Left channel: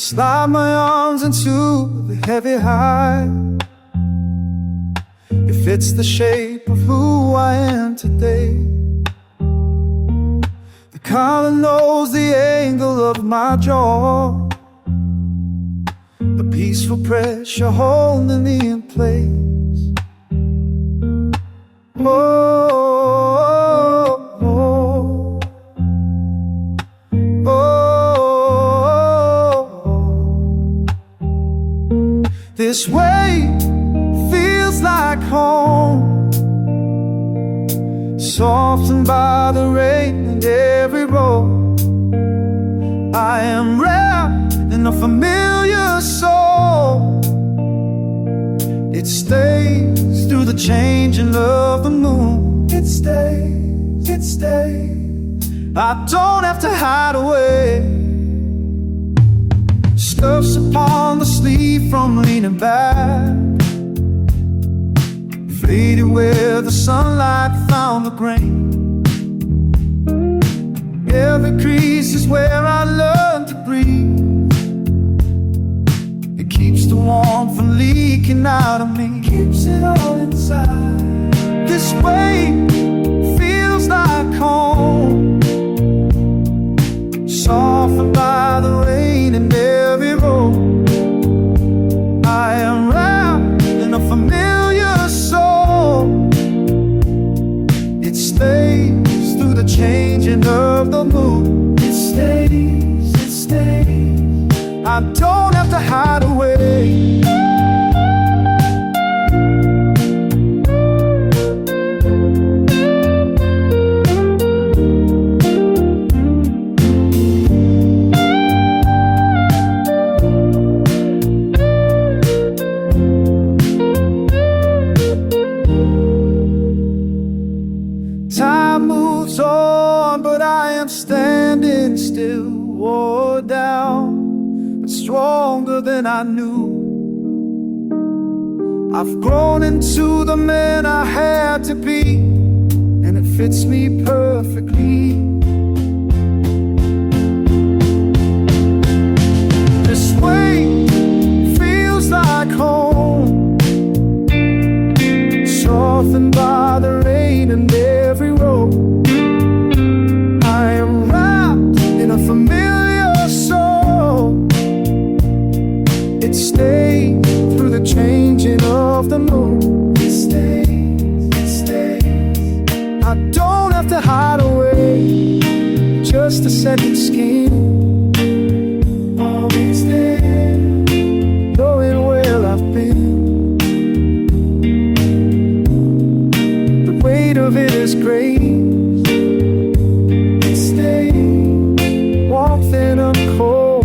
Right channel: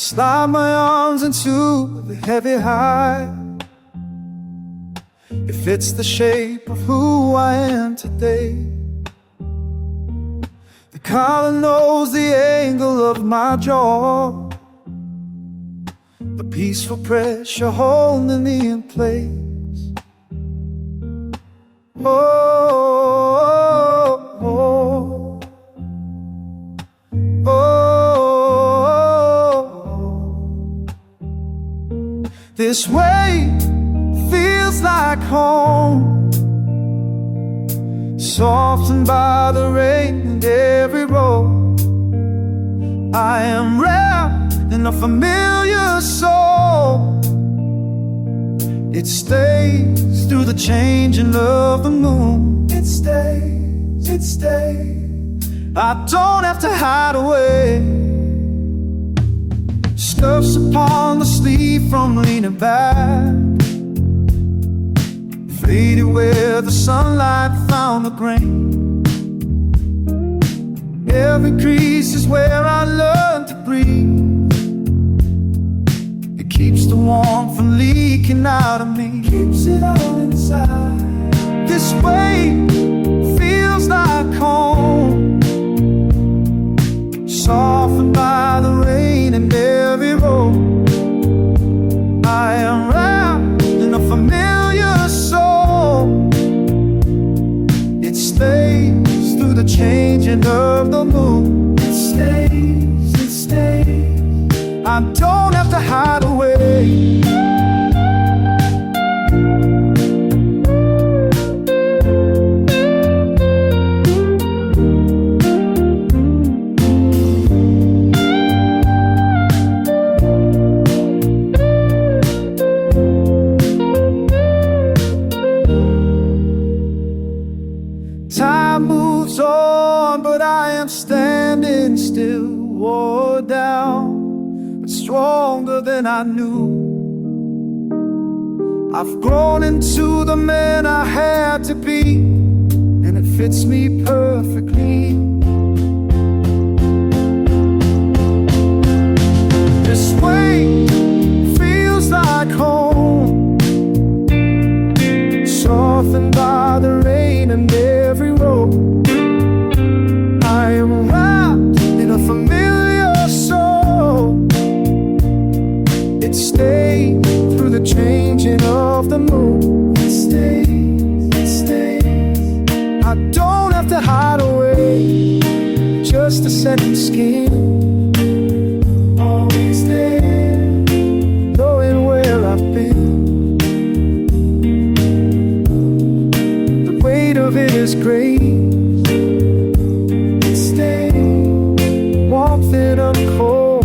Slide my arms into the heavy hide. It fits the shape of who I am today. The collar knows the angle of my jaw. The peaceful pressure holding me in place. Oh, oh, oh, oh. This way feels like home, softened by the rain and every road. I am wrapped in a familiar soul. It stays through the changing of the moon. It stays, it stays. I don't have to hide away. Scuffs upon the sleeve from leaning back, faded where the sunlight found the grain. Every crease is where I learned to breathe. It keeps the warmth from leaking out of me. Keeps it all inside. This way feels like home, softened by the rain and every road. I am wrapped in a familiar soul. It stays through the changing of the moon. It stays, it stays. I don't have to hide away. Time moves on, but I am standing still, wore down, but stronger than I knew. I've grown into the man I had to be, and it fits me perfectly. This way feels like home, softened by the rain and every road. I am wrapped in a familiar soul. It stays through the changing of the moon. It stays, it stays. I don't have to hide away, just a second skin, always there, knowing where I've been. The weight of it is great. It stays, warmth in a cold